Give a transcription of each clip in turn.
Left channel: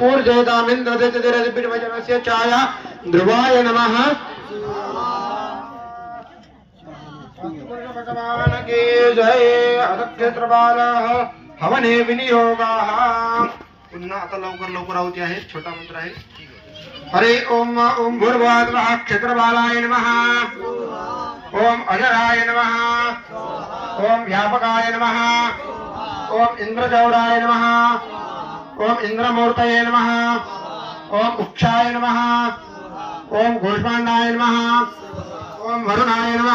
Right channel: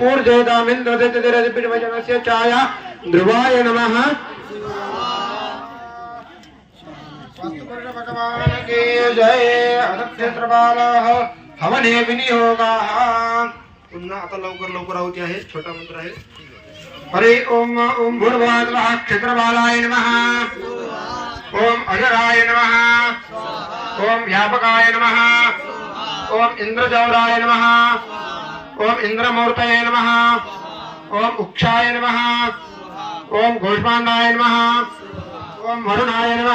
पूर्जयतामिन्द्रदितिरदिपिर्वजमस्य छाया। ध्रुवाय नमः। भगवान की जय। अनक्षत्रबालाः हवने विनियोगाः। पुन्हा आता लवकर लवकर आवती आहे. छोटा मंत्र आहे. हरे ओम ओम भूर्भुवः क्षेत्रबालाय नमः। ओम अजराय नमः। ओम व्यापकाय नमः। ओम इंद्रजौराय नम ओम इंद्रमूर्तये नमः ओम उक्षाय नमः ओम घोषपांडाय नम ओम मरुणाय नम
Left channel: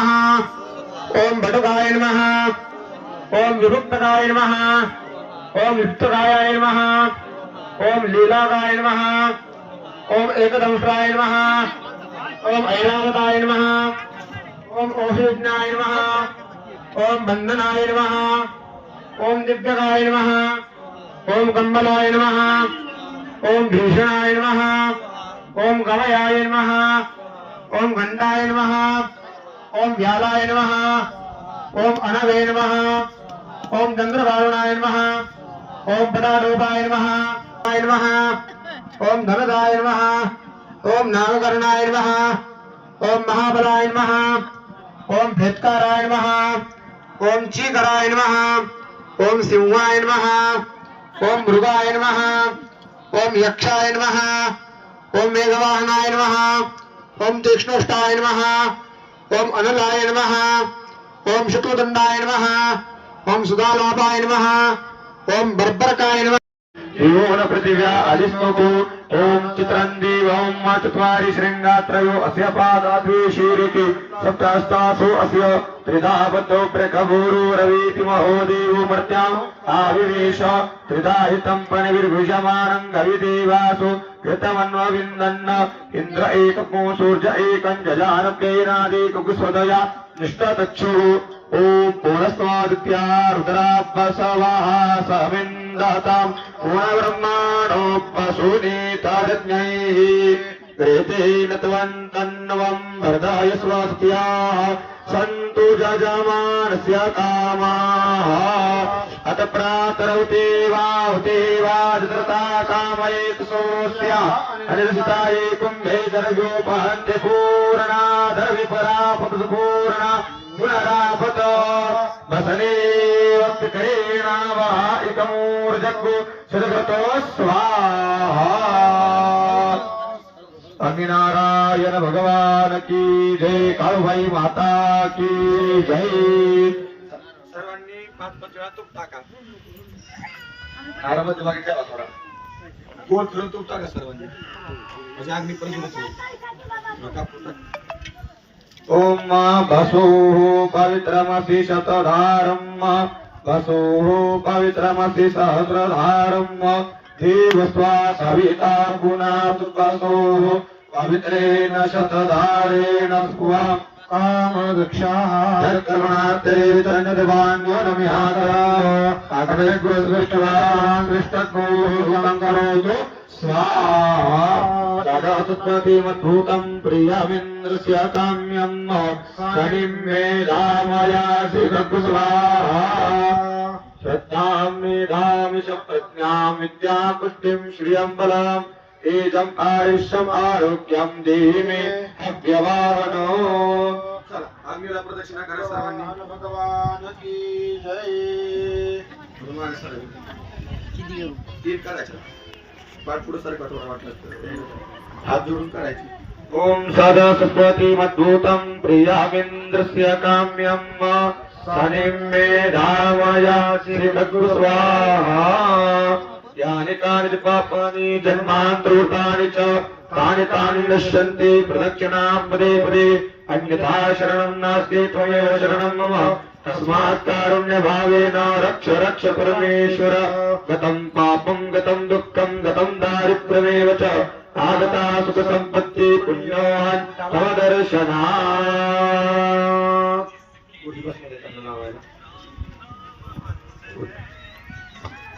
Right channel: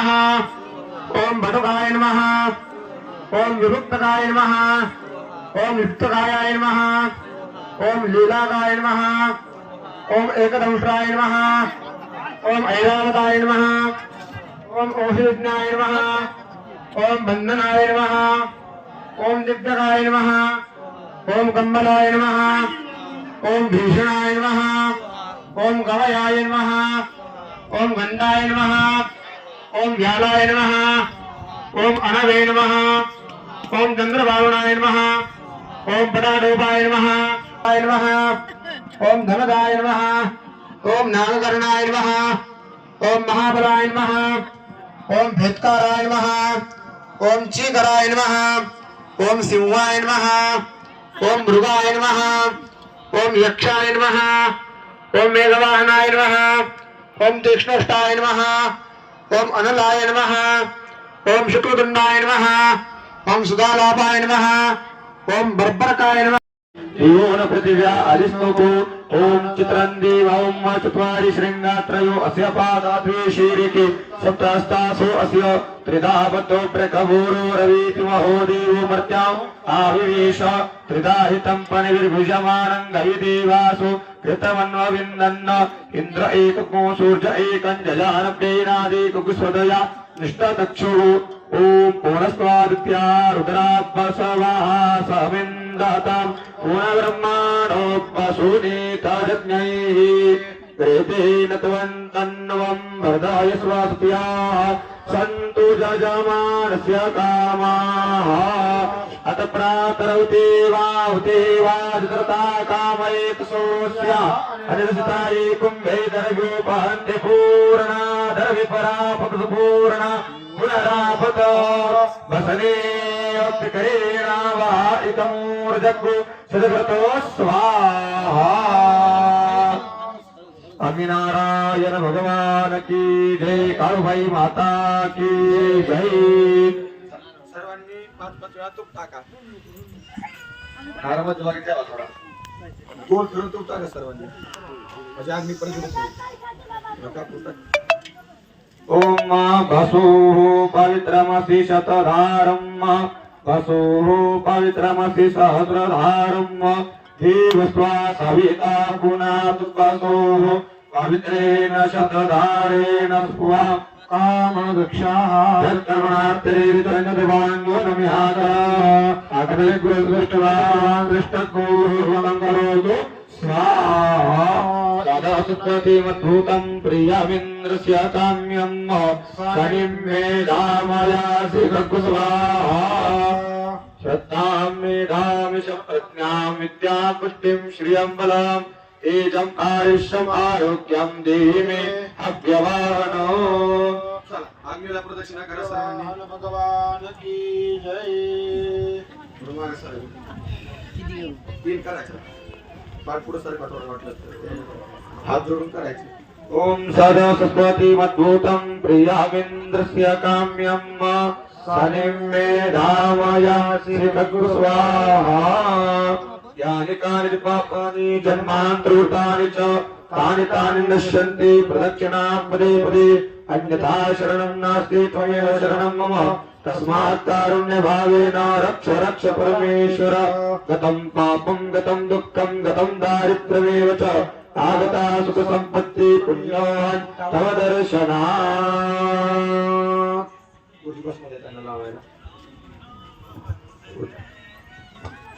ओम भदुकाय नमः ओम विभुक्तकाय नम ओम युक्तकाय नम ओम लीलाकाय नम ओम एकदंशाय नम ओम ऐरावताय नम ओम ओषिज्ञाय नम ओम बंधनाय नम ओम दिव्यकाय नमः ओम कम्बलाय नमः ओम भीषणाय नमः ओम गवयाय नमः ओम गंधाय नमः ओम व्यालाय नमः ओम अनवे नमः ओम चंद्रभावनाय नमः ओम पटाडोपाय नमः आय नमः ओम धनदाय नमः ओम नागकर्णाय नमः ओम महाबलाय नमः ओम भेदकाराय नमः ओम चीकराय नमः ओम सिंहाय नमः ओम मृगाय नमः ओम यक्षाय नमः ओम मेघवाहनाय नमः ओम तीक्ष्णष्टाय नमः ओम अनलाय नमः ओम शुक्लदंडाय नमः ओम सुदालापाय नमः ओम बर्बरकाय యోగనృతివ్యా అలిస్మకు ఓం చిత్రంది ఓం మా చత్వారి శృంగాత్రయో అస్య పాదాభిషీరితి సప్తాస్తాసు అస్య త్రిదాపతో ప్రకభూరు రవీతి మహోదేవు మర్త్యాం ఆవివేశ త్రిదాహితం పణిర్భుజమానం కవిదేవాసు కృతమన్వవిందన్న ఇంద్ర ఏకమో సూర్య ఏకం జజానప్యైనాదేకుస్వదయ నిష్టతక్షుః ఓం పూర్ణస్వాదిత్యా రుద్రాభ్యసవా సమిన్ दाताम् वसूनीता यज्ञैः त्वन्तन्वम् गतवन्तम् भ्रदाय सन्तु जजमानस्य कामाः। अत प्रातर इति वाते वा कामयेत् सोऽस्य। अनिर्जिता ये कुम्भे दर्व्योपहन्ति पूर्णा दर्विपरा पूर्णा पुनरापत वसने वक्तकरेणावाहिकमूर्जग्गु सदगतो स्वाहा स्वामीनारायण भगवान की जय काळूबाई माता की जय सर्वांनी पाच पाच वेळा तूप टाका आरामात मागे ठेवा थोडा गोल फिरून तूप टाका सर्वांनी म्हणजे अग्नी पण जुळत होईल. नका आपलं टाक. ओम वसुः पवित्रमसि शतधारम् वसुः पवित्रमसि सहस्रधारम् देवस्वा सविता गुणात् वसुः पवित्रेण शतधारेण स्वा। कामवृक्षाः प्रियमिन्द्रस्य काम्यम् शनिं मे दामयासि गगुस्वाहा श्रद्धां मेधामि च प्रज्ञां श्रियं बलम् एजम् आयुष्यम् आरोग्यं देहि मे अव्यभावनो चला, अग्नीला प्रदक्षिणा करा सर्वांनी। भगवान की जय। दोन मागे सरका. तीन करायचे. पाठ पुढे सरका थोडा वाटलं. हात जोडून करायचे. ॐ सदसुपतिमद्भूतं प्रियामिन्द्रस्य काम्यम् शनिं मे धामयासि स्वाहा యాని కాని పాపాని జన్మాంతరూపాని తాని తాని నశ్యంతి ప్రదక్షిణాం పదే పదే అన్యథా శరణం నాస్తి త్వమేవ శరణం మమ తస్మాత్ కారుణ్య కారుణ్యభావేన రక్ష రక్ష పరమేశ్వర గతం పాపం గతం దుఃఖం గతం దారిద్ర్యమేవ చ ఆగతా సుఖ సంపత్తి పుణ్యోన్ తవ దర్శనా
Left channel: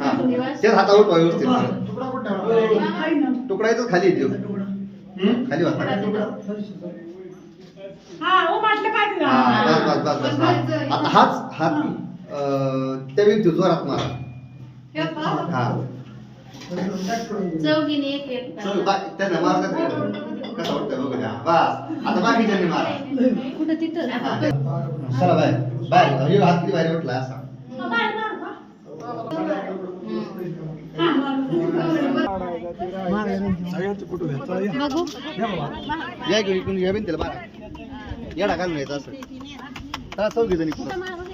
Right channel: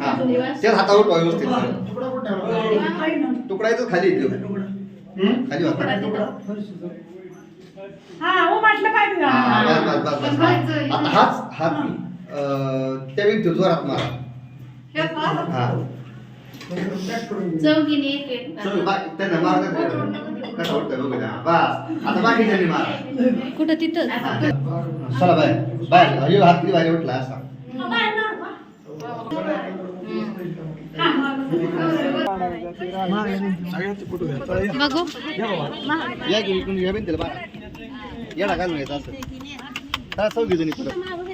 हा. तेच हातावर व्यवस्थित तुकडायचं खाली येते खाली वाचा. हा, बस, बस, बस, बस. आता हाच हात अं, त्या व्यक्ती जोरात मारा. हा चौघीने एक एक चल, बा- त्यांना मारा का ते? कसा वाटतं बघू द्या. बस. आता बाकीच्यांनी मारा. कुठं तिथं? चला बाय. बाय. हात किती भारी वाटला असा. बघू. या की इकडून घ्या त्याला मारा येणार काय नाही असं. चौघी जणी तुला.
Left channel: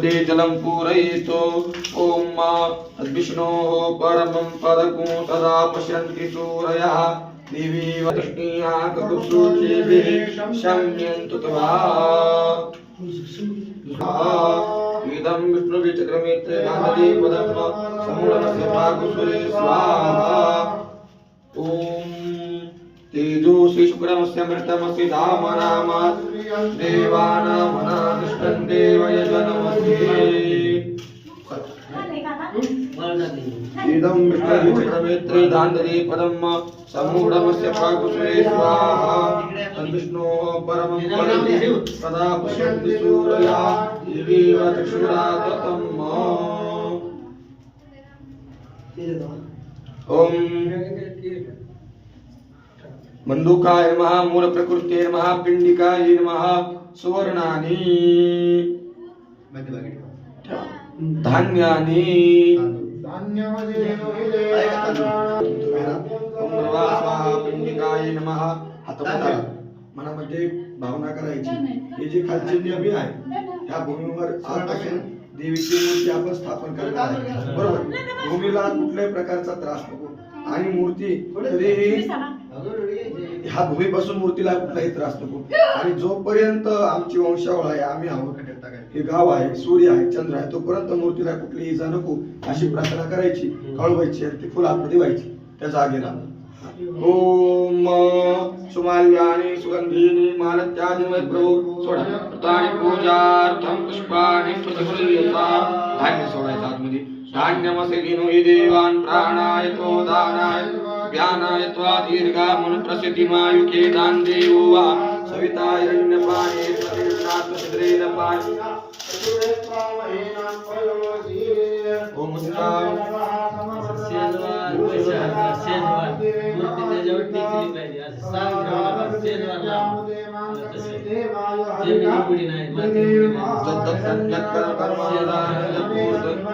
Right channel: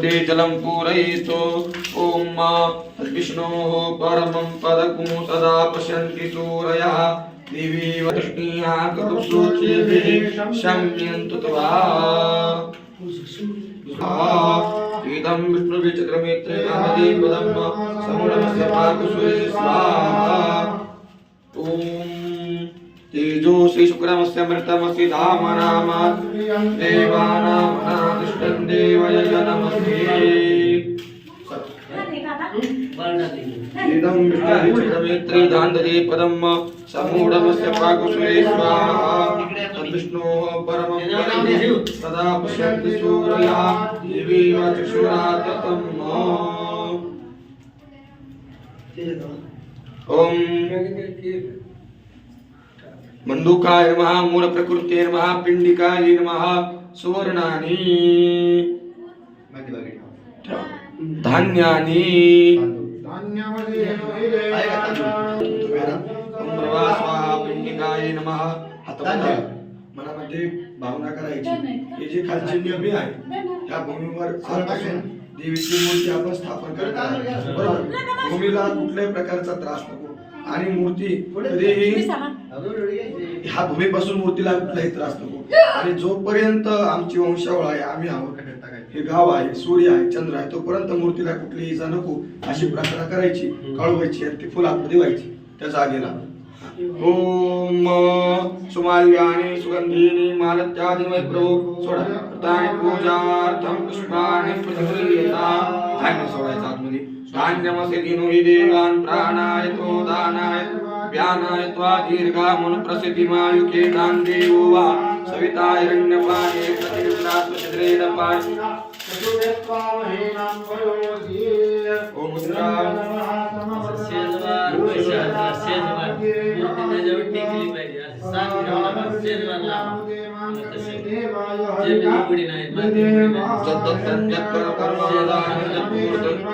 की. जलं पूरयितो। ॐ विष्णोः परमं पदकुं सदा पश्यन्ति सूरयः। दिवि वृष्टिया शम्यन्तु त्वा। इदं विष्णुविचक्रमेत्रे नान्दे पदं समूढमस्य पाकुसुरे स्वाहा। ॐ तेजो श्रीशुक्रमस्यमृतमसि धाम राम। देवानामनादिष्टं देवयजनमस्ति इदं विष्णुविचक्रमेत्रे दान्दरे पदं समूढमस्य पाकुसुरे स्वाहा। तद्विष्णोः परमं पदं सदा पश्यन्ति सूरया। दिवि चक्षुराततम् ॐ मंदुकाय नमः। मूल प्रकृते नमः पिंडिकाय नमः सुवर्णानि. धान्यानि पिंडिकाय हातामध्ये मनामध्ये भावना करायची. हे जे खालचे नियमी आहे त्या भूमीवर आजपासून देवीची मूर्ती आपण स्थापन करणार आहे बरोबर? भूमीला कुठल्याही प्रकारचा त्रास नको. आणि मूर्ती कधीही ह्या भूमीपासून मूर्तीला कुठलाही त्रास नको. आणि जोपर्यंत आमची वंशावळ आहे आम्ही आहोत हे गाव आहे सूर्य आहे चंद्र आहे तोपर्यंत मूर्तीला कुठली इजा नको अशी प्रार्थना करायची काळवायची आणि ती फुल आतमध्ये व्हायची त्या जागेला ओम सुमाल्यानि सुगंधीनि मालत्यादिमय प्रभू सोडा. ताने पूजार्थम पुष्पाने प्रतिगृह्यता धान्य सोडायचं आतमध्ये. धान्यमसे दिनो हि देवान प्राणाय तो दानाय व्यानाय त्वा दीर्घामनु प्रसिद्धिमायुके दान देवो वा सविता हिरण्यपाणे प्रतिगृह्णात् छिद्रेण पाणि जद्दत्तं जत्कर कर्मादान जत्पूर्त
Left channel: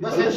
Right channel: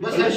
कलश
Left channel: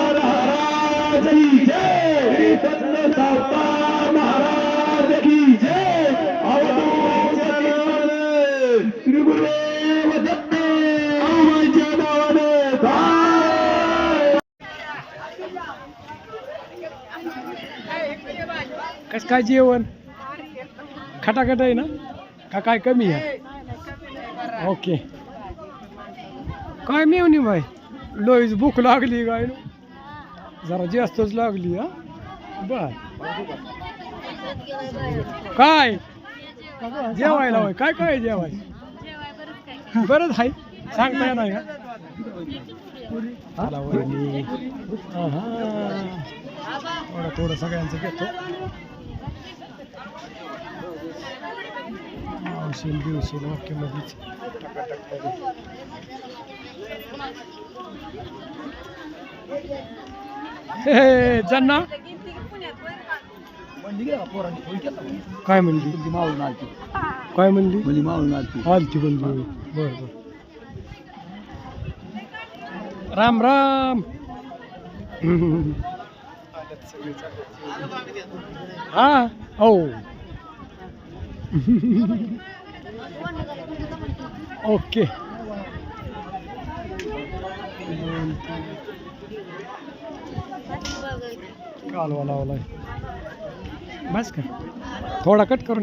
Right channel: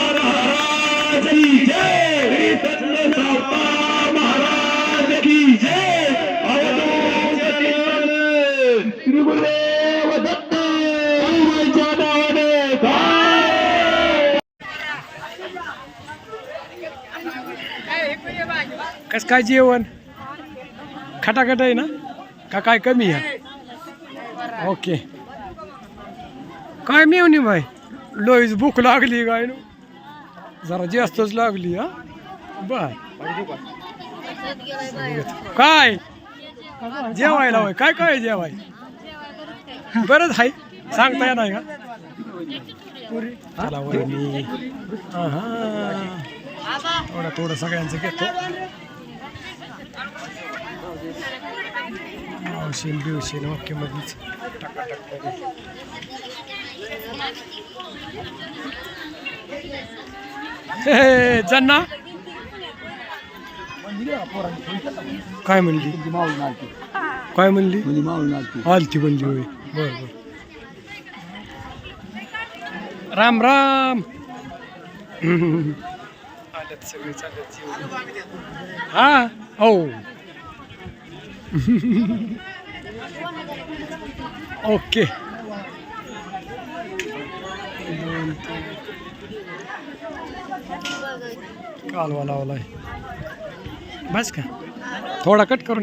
कसं काय जेवण? खटाखट आहे ना? का काय कमी आहे? ओके. काय मिळवणी भाई लोईच भूक लागली काय नो? जरा जास्तच लागली हा? बर काय? जेवायला होय. काय काय जेवाय? बरंच आहे सांगता येणार का? पुरी थोडं थोडं सगळ्यांचं घेतो. औषध बिवशेल वाक्यामध्येच टाकाटाकमध्ये जाणना काय म्हणली? तुमची मावळून आलती काय म्हणली? म्हणजे मावळून आलती आलती म्हणली होय. बरं बरं. राम राम. आल्यात सगळे चालत जेवण हा? हो. ओके. दोन तीन कालवा लावलाय. बस का? थोडा कट करून